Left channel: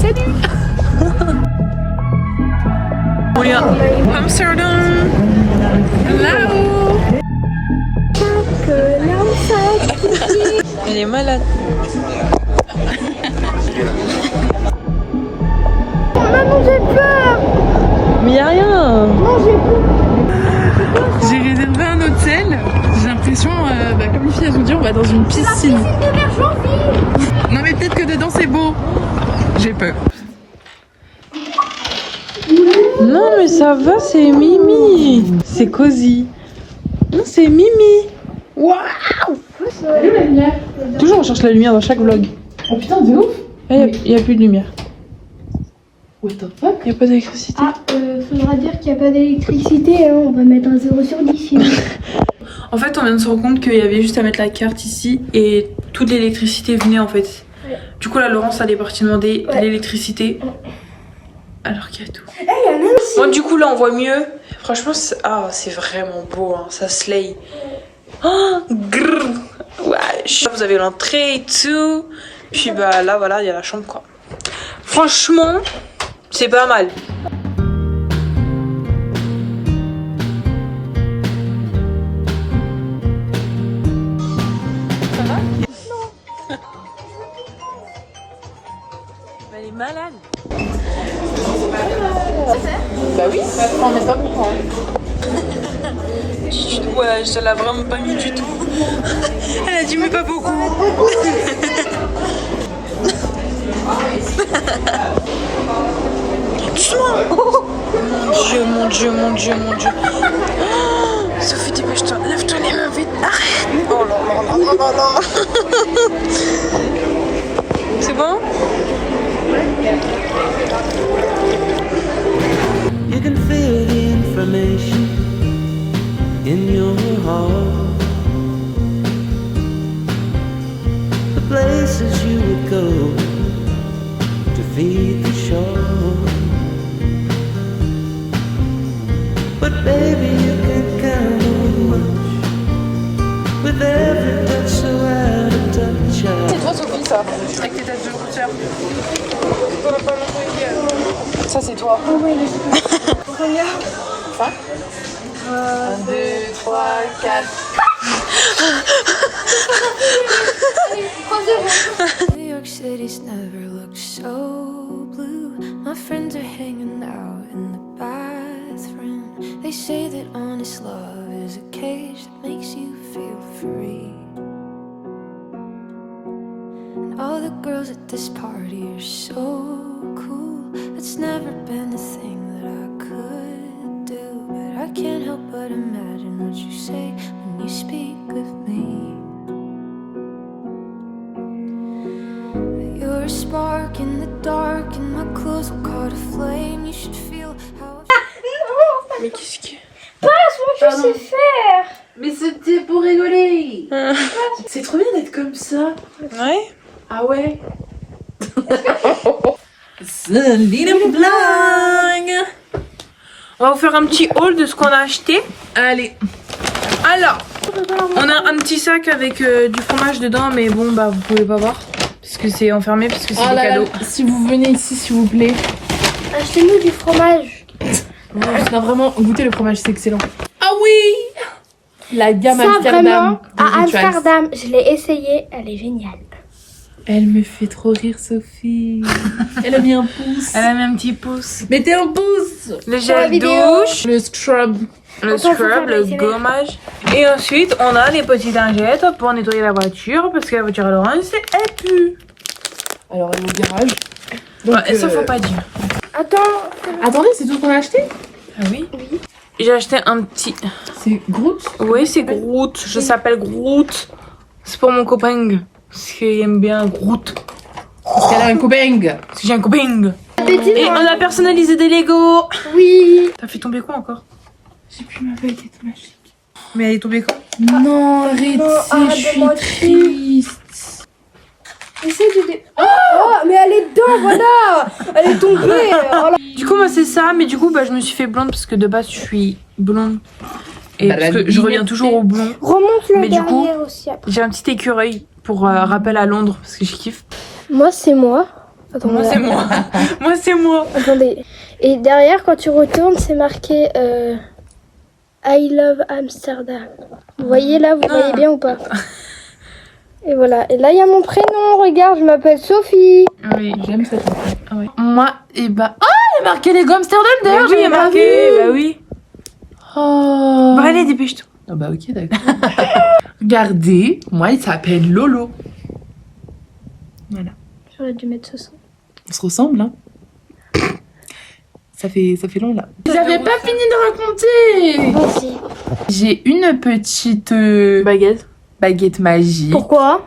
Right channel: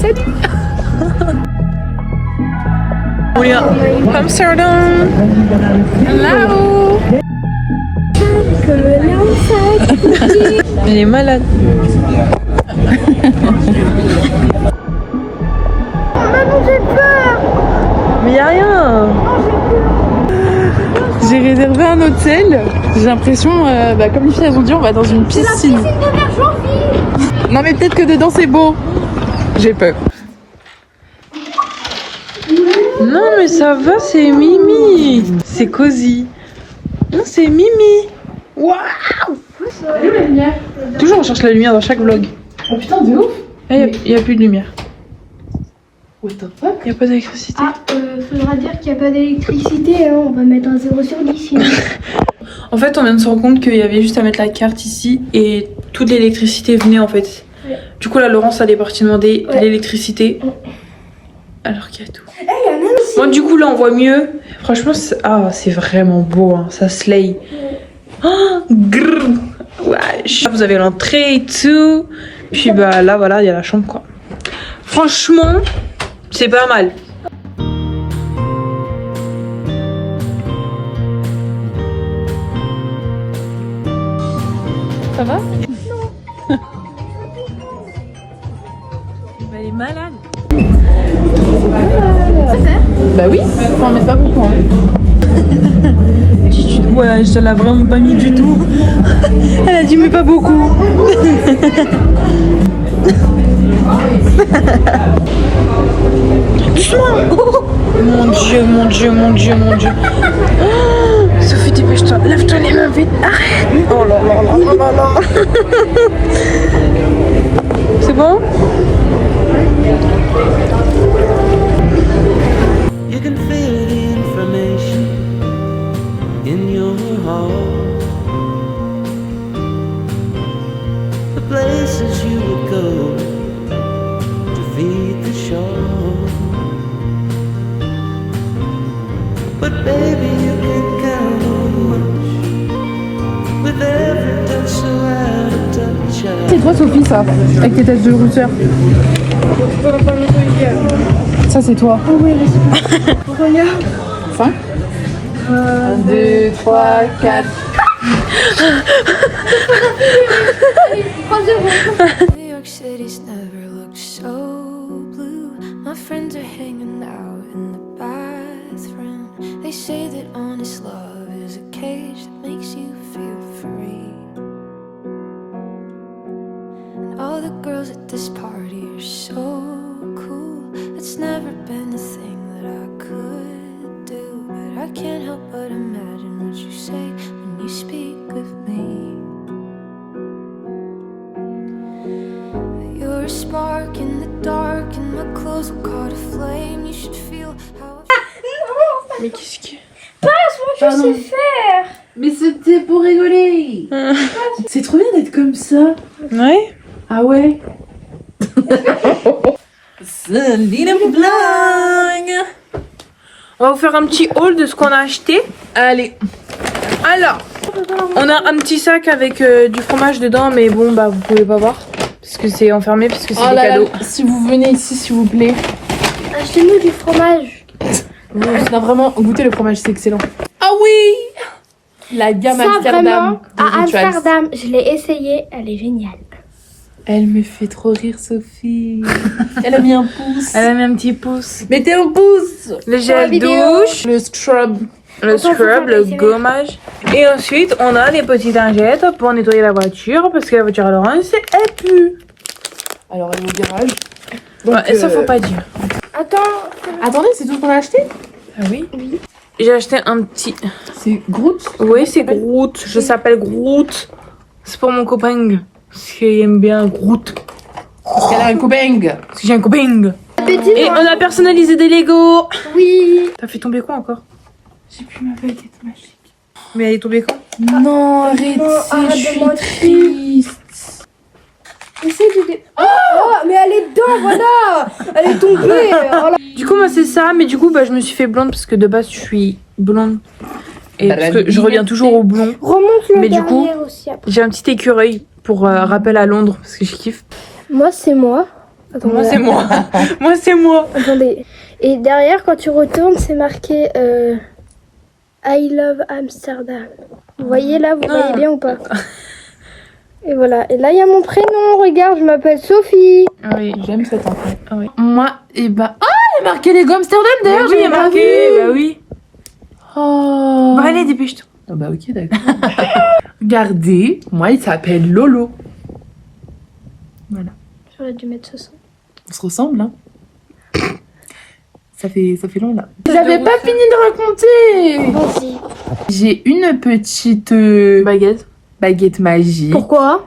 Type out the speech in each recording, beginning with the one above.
Salut. Oui, Amsterdam. Hello. Elle est malade. Maman, j'ai peur. Mais y a rien. J'ai réservé un hôtel. J'ai l'impression, comme les filles elles ont dit, on va dans une piscine. Non mais peut-être que dedans c'est beau. J'ai peur. Non mais ça va, c'est Mimi. C'est cosy. Non, c'est Mimi. Waouh. Elle est où la lumière? Toujours on cherche la lumière dans chaque vlog. Oh putain, de ouf. Il n'y a plus de lumière. What the fuck? Il n'y a pas d'électricité. Faudra dire qu'il n'y a pas d'électricité, hein. On va mettre un 0 sur 10. En fait, on vient de se rendre compte qu'il y avait juste à mettre la carte ici et toute l'électricité venait en fait. Ouais. Du coup, là, Laurence, elle est partie demander l'électricité. Alors qu'il y a tout. Bon, du coup, là, on voit mieux. Franchement, c'est vraiment beau, hein. Ça slay. Oh, grrr. Ouais. Vous avez l'entrée et tout. Puis bah là, voilà, il y a la chambre, quoi. Franchement, c'est pas mal. Ça va? Non. Elle est malade. Bah oui, non mais pas beaucoup. Ouais, je l'ai vraiment pas mis du tout. Elle a dit mais pas beaucoup. Doucement. Mon Dieu, mon Dieu, mon Dieu, mon Dieu. Oh, Sophie, dépêche-toi. Lève-toi les mains vite. Arrête. Oh là là là là là là. C'est bon? You can feel the information in your heart. The places you would go to feed the shark. But baby, you can count on much with every touch so out of touch. C'est toi Sophie ça, avec tes têtes de routeur. Ça c'est toi. Oh ouais, regarde. 5 1, 2, 3, 4. New York City's never looked so blue. My friends are hanging out in the bathroom. They say that honest love is a cage that makes you feel free. And all the girls at this party are so cool. It's never been a thing that I could do, but I can't help but imagine what you say when you speak of me. You're a spark in the dark, and my clothes will caught a flame. You should feel how I Mais qu'est-ce que... Passe, moi je sais faire. Mais c'était pour rigoler. C'est trop bien d'être comme ça. Ouais. Ah ouais. On va vous faire un petit haul de ce qu'on a acheté. Allez. Alors, on a un petit sac avec du fromage dedans, mais bon, bah vous pouvez pas voir parce que c'est enfermé, parce que c'est des cadeaux. Si vous venez ici, s'il vous plaît. Achetez-nous du fromage. Non, vraiment, goûtez le fromage, c'est excellent. Ah oui. La gamme Ça, Amsterdam. vraiment, à Amsterdam, je l'ai essayé, elle est géniale. Elle me fait trop rire, Sophie. Elle a mis un pouce. Elle a mis un petit pouce. Mettez un pouce. Le la gel vidéo. douche, Le scrub. le scrub, le gommage. Et ensuite, on a les petites lingettes pour nettoyer la voiture, parce que la voiture à Laurence, elle pue. Alors, elle est au garage. Donc, Ouais, et ça, faut pas dire. Attends. Attendez, c'est tout ce qu'on a acheté? Ah oui. J'ai acheté un petit... C'est Groot. Oui, c'est Groot. Je s'appelle Groot. C'est pour mon copain. Parce qu'il aime bien Groot. Parce qu'elle a un copain. Parce que j'ai un copain. Et on a personnalisé des Lego. Oui. T'as fait tomber quoi encore? J'ai plus ma baguette magique. Mais elle est tombée quand? Non, arrête, je suis triste. Essaye de... Ah, mais elle est dedans, voilà. Elle est tombée. Voilà. Du coup, moi, c'est ça. Mais du coup, bah, je me suis fait blonde parce que de base, je suis blonde. Et parce que je reviens toujours au blond. Remonte le Mais du coup, derrière aussi après. j'ai un petit écureuil pour rappel à Londres parce que je kiffe. Moi, c'est moi. Attends, Moi, c'est moi. Moi, c'est moi. Attendez. Et derrière, quand tu retournes, c'est marqué I love Amsterdam. Vous voyez là, vous voyez bien ou pas? Et voilà. Et là, il y a mon prénom. Regarde, je m'appelle Sophie. Ah oui. J'aime cette enfant. Ah oui. Moi, et bah. Ah, il y a marqué les Amsterdam Bah d'ailleurs, oui, il y a j'avais pas marqué. vu. Bah oui. Oh. Bah allez, dépêche-toi. Ah bah ok, d'accord. Regardez, moi, il s'appelle Lolo. Voilà. J'aurais dû mettre ce son. On se ressemble, hein. Ça fait long, là. Vous avez pas fini de raconter. Vas-y. J'ai une petite baguette magique. Pourquoi?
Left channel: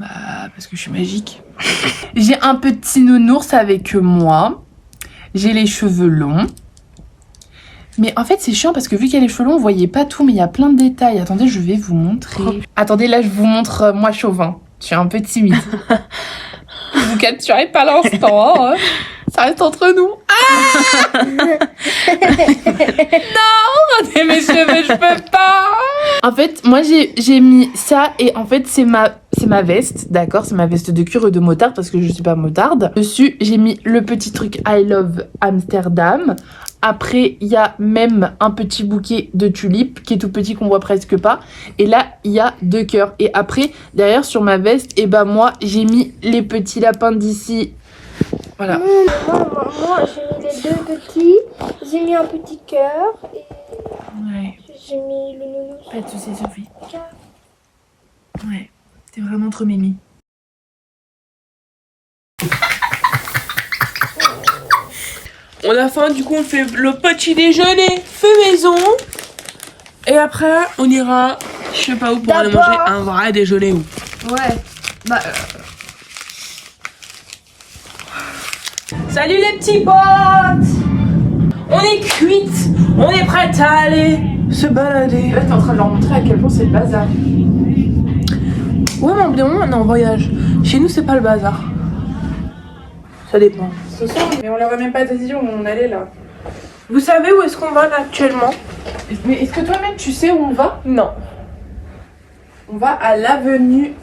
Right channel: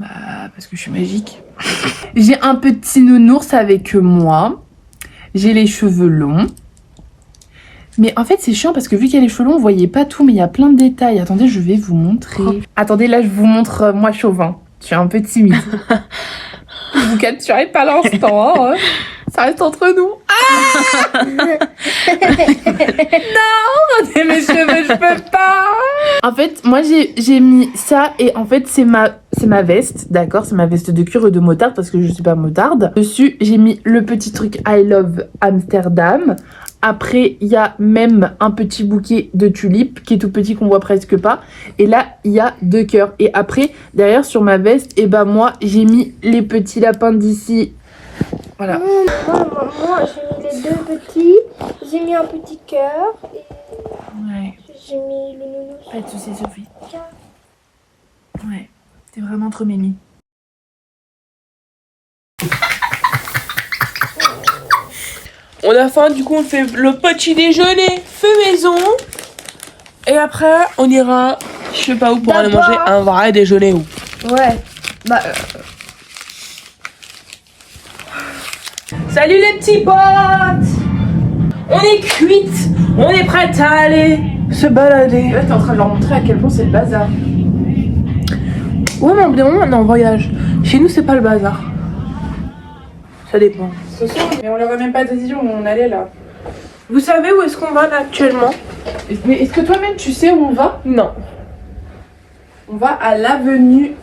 Bah, parce que je suis magique. J'ai un petit nounours avec moi. J'ai les cheveux longs. Mais en fait, c'est chiant parce que vu qu'il y a les cheveux longs, vous voyez pas tout, mais il y a plein de détails. Attendez, je vais vous montrer. Attendez, là, je vous montre moi chauvin. Je suis un peu timide. Vous capturez pas l'instant, hein. Ça reste entre nous. Ah non, regardez mes cheveux, je peux pas. En fait, moi j'ai mis ça et en fait c'est ma veste, d'accord, c'est ma veste de cuir et de motarde parce que je suis pas motarde. Dessus, j'ai mis le petit truc I love Amsterdam. Après, il y a même un petit bouquet de tulipes qui est tout petit qu'on voit presque pas. Et là, il y a 2 cœurs. Et après, derrière sur ma veste, et ben moi, j'ai mis les petits lapins d'ici. Voilà. Non, moi j'ai mis les 2 petits. J'ai mis un petit cœur. Et Ouais. j'ai mis le nounours. Pas de soucis, Sophie. Ouais. T'es vraiment trop mimi. On a faim, du coup on fait le petit déjeuner fait maison. Et après on ira, je sais pas où, pour aller manger un vrai déjeuner où. Ouais. Bah. Salut les petits potes. On est cuites, on est prêtes à aller se balader. Là, t'es en train de leur montrer à quel point c'est le bazar. Ouais mais au bout d'un moment on est en voyage. Chez nous c'est pas le bazar. Ça dépend. Mais on leur a même pas dit où on allait là. Vous savez où est-ce qu'on va là actuellement? Mais est-ce que toi-même tu sais où on va? Non. On va à l'avenue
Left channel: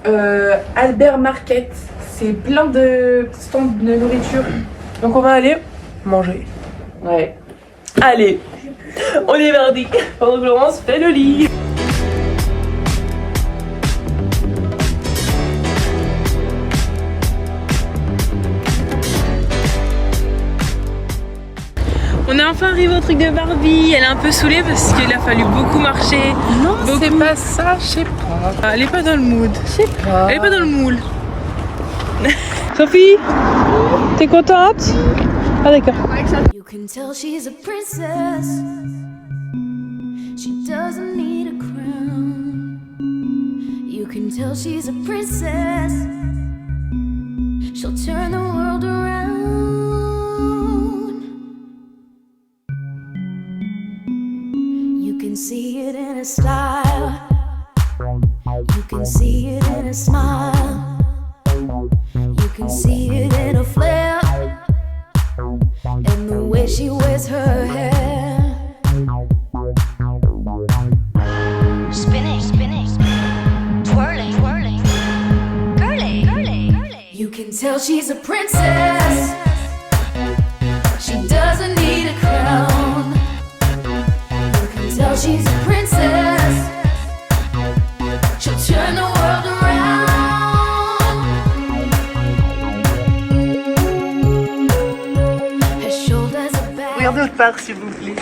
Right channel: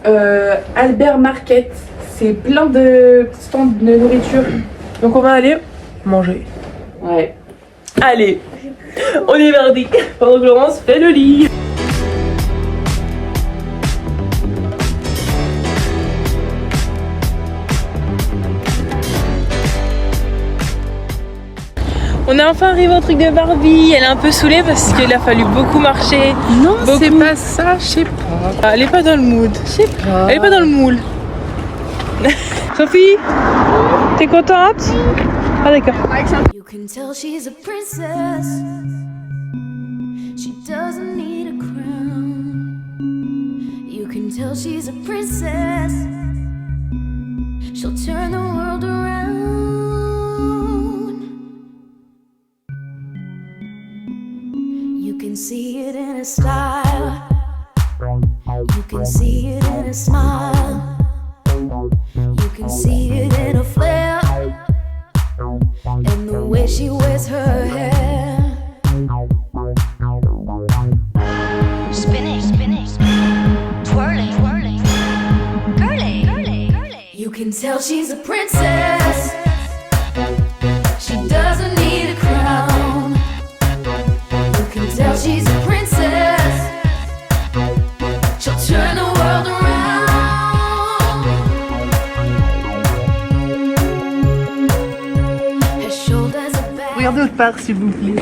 Albert Market. C'est plein de stands de nourriture. Donc on va aller manger. Ouais. Allez, on est mardi. Pendant que Laurence fait le lit. On est enfin arrivé au truc de Barbie. Elle est un peu saoulée parce qu'il a fallu beaucoup marcher. Non, Beaucoup. c'est pas ça, je sais pas. Ah, elle est pas dans le mood. Je sais pas. Elle est pas dans le moule. Sophie, t'es contente? Ah d'accord. You can tell she's a princess. She doesn't need a crown. You can tell she's a princess. She'll turn the world around. You can see it in her style. You can see it in her smile. You can see it in her flair. And the way she wears her hair. Spinning, spinning, twirling, twirling, curly, curly, curly. You can tell she's a princess. She doesn't need a crown. You can tell she's a princess. She'll turn the world around. Her shoulders are back. Regardez autre part s'il vous plaît.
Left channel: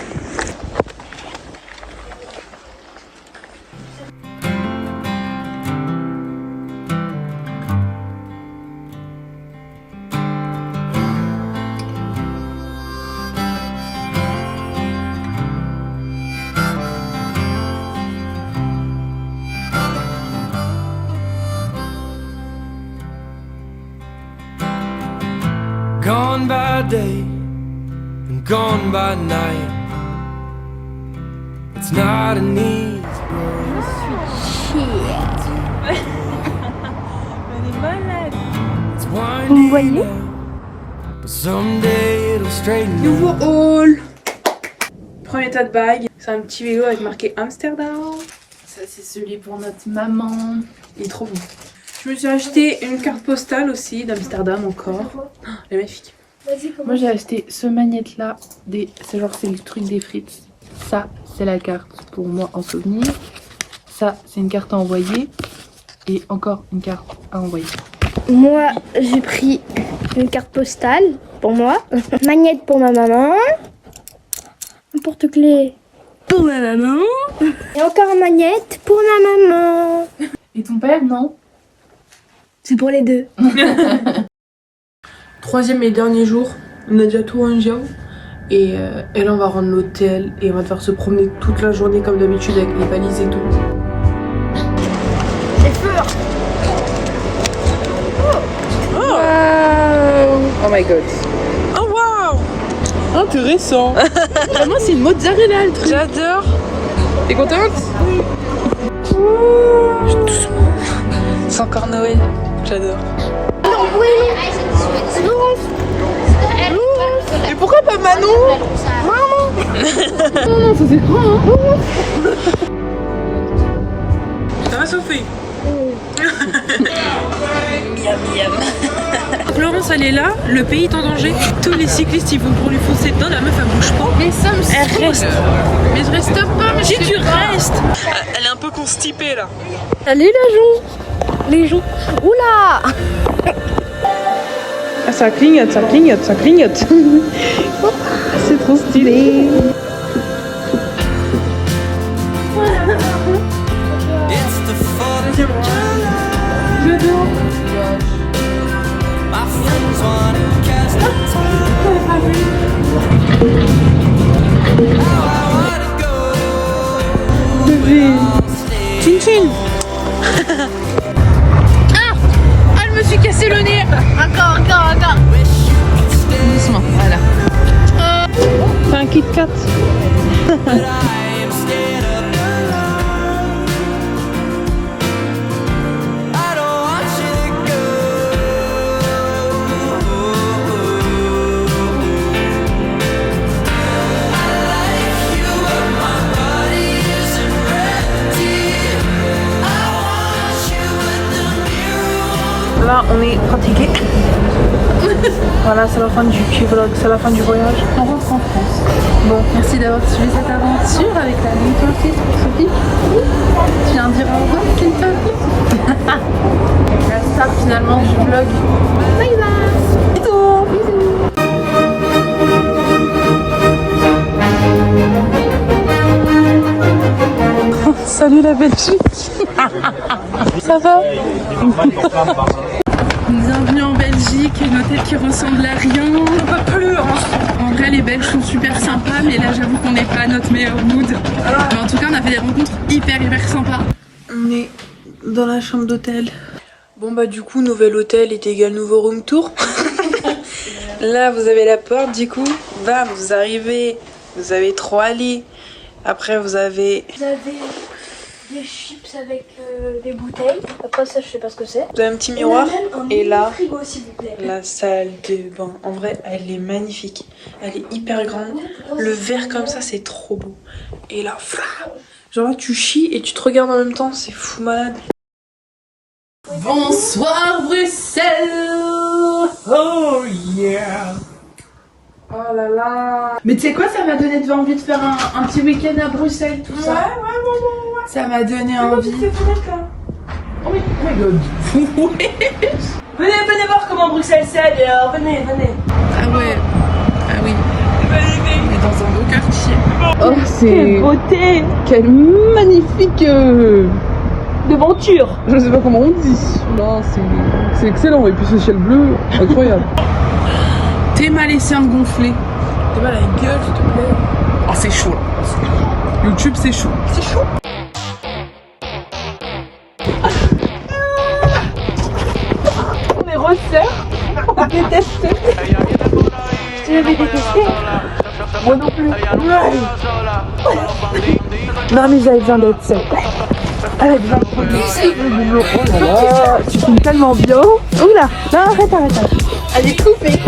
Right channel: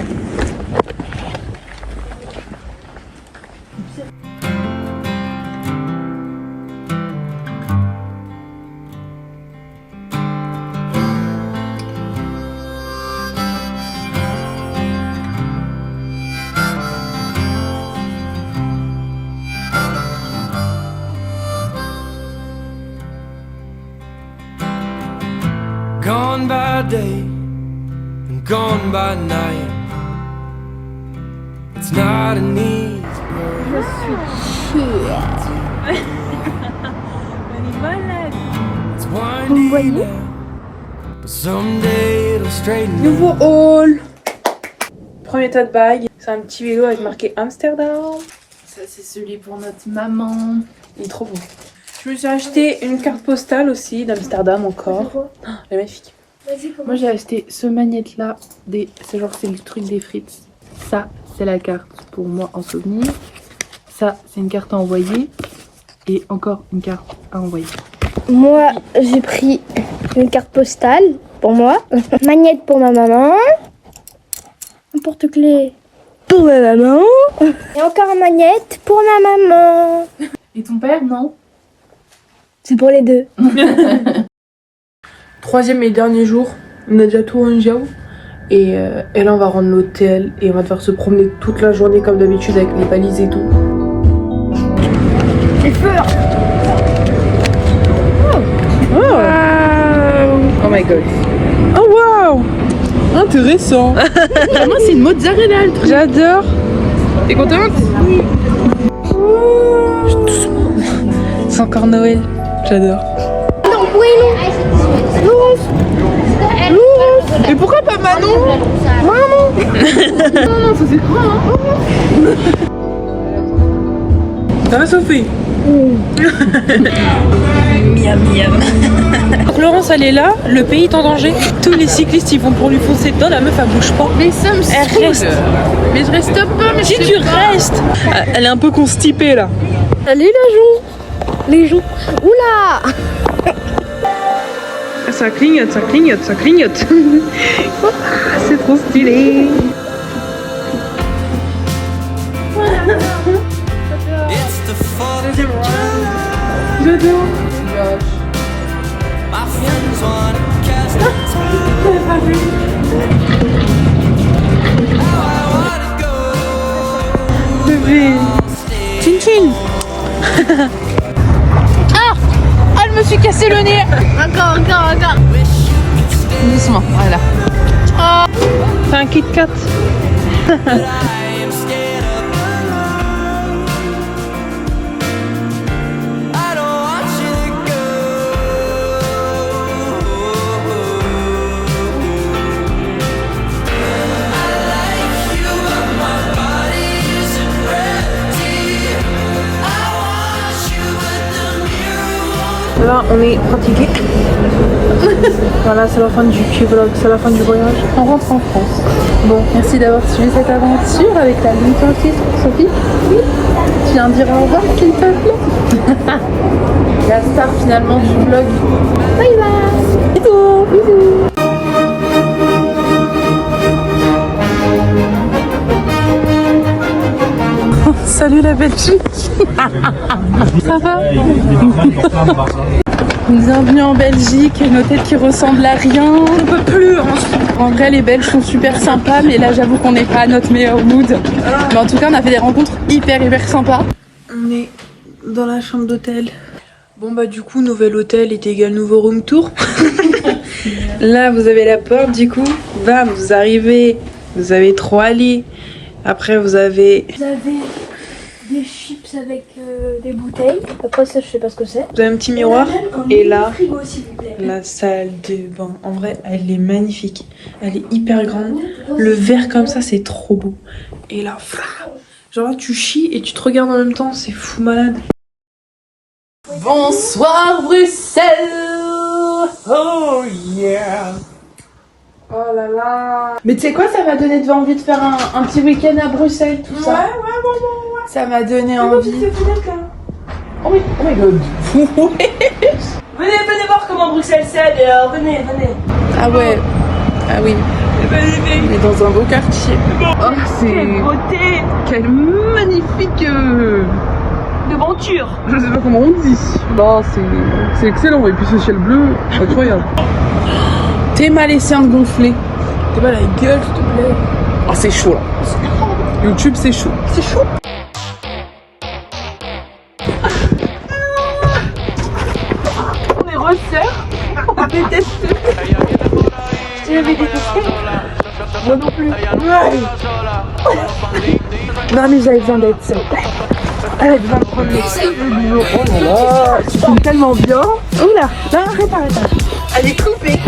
Gone by day and gone by night. It's not an easy road. It's windy now, but someday it'll straighten out. Nouveau haul. Premier tas de bagues. C'est un petit vélo avec marqué Amsterdam. Ça, c'est celui pour notre maman. Il est trop beau. Je me suis acheté une carte postale aussi d'Amsterdam encore. Oh, elle est magnifique. Vas-y, commence. Moi, j'ai acheté ce magnète-là. C'est genre, c'est le truc des frites. Ça, c'est la carte pour moi en souvenir. Ça, c'est une carte à envoyer. Et encore une carte à envoyer. Moi, j'ai pris une carte postale pour moi, magnète pour ma maman, un porte-clés pour ma maman, et encore une magnète pour ma maman. Et ton père, non? C'est pour les deux. Troisième et dernier jour, on a déjà tout rangé. Et là, on va rendre l'hôtel et on va devoir se promener toute la journée comme d'habitude avec les valises et tout. C'est fort. Oh my god. Oh wow! Intéressant. Moi, c'est une mozzarella, le truc. J'adore. T'es contente? C'est encore Noël. J'adore. Non, oui, non. Laurence. Mais pourquoi pas Manon? Maman. Ça c'est trop, Ça va Sophie? Florence elle est là, le pays est en danger. Tous les cyclistes ils vont pour lui foncer dedans, la meuf elle bouge pas. Mais ça me Elle reste. Mais je reste pas, mais Si tu restes. Elle est un peu constipée là. Allez, la joue. Les joues. Oula. Ça clignote, ça clignote, ça clignote. C'est trop stylé. It's the 4th of July. My friends wanna cast a tie. How I wanna go. Bébé. Stay. Ah, je me suis cassé le nez. Encore. Wish you could stay. C'est un Kit Kat. But I am scared of the light. I don't want you to go. I like you, but my body isn't ready. I want you, but the mirror won't. Là, on est fatigué. Voilà, c'est la fin du vlog, c'est la fin du voyage. On rentre en France. Bon, merci d'avoir suivi cette aventure avec la ligne teintée pour Sophie. Je viens de dire au revoir, s'il te plaît. La star finalement du vlog. Bye bye. Bisous. Bisous. Salut la Belgique. Ça va? Bienvenue en Belgique, une hôtel qui ressemble à rien. On peut plus. En vrai, les Belges sont super sympas, mais là, j'avoue qu'on n'est pas à notre meilleur mood. Mais en tout cas, on a fait des rencontres hyper sympas. On est dans la chambre d'hôtel. Bon bah du coup, nouvel hôtel est égal nouveau room tour. Là, vous avez la porte. Du coup, bam, vous arrivez. Vous avez 3 lits. Après, vous avez Des chips avec des bouteilles. Après ça, je sais pas ce que c'est. un petit miroir. Et là, frigo, s'il vous plaît. la salle de bain. En vrai, elle est magnifique. Elle est hyper grande. Le verre comme ça, c'est trop beau. Et là, genre tu chies et tu te regardes en même temps. C'est fou malade. Bonsoir Bruxelles. Oh yeah. Oh là là. Mais tu sais quoi, ça m'a donné envie de faire un petit week-end à Bruxelles, tout ça. Ouais. Ça m'a donné envie. Oh my god. Venez voir comment Bruxelles c'est. Alors, venez. Ah ouais. Ah oui. On est dans un beau quartier. Oh, c'est Beauté. quelle magnifique Devanture. Je sais pas comment on dit. Non, c'est excellent. Et puis ce ciel bleu, incroyable. T'es malaisien gonflé. T'as pas la gueule, s'il te plaît. Ah, c'est chaud là. YouTube, c'est chaud. On est resserres. On déteste. Tu l'avais détesté? Moi non plus. Non mais j'avais besoin d'être seule. Avec 20 premiers. Oh là là, tu filmes tellement bien. Oula, non arrête. Allez, coupez.